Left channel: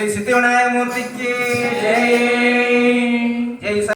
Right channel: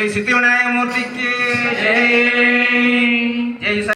Jai Siddhi விநாயகமூர்த்திக்கு Jai Jai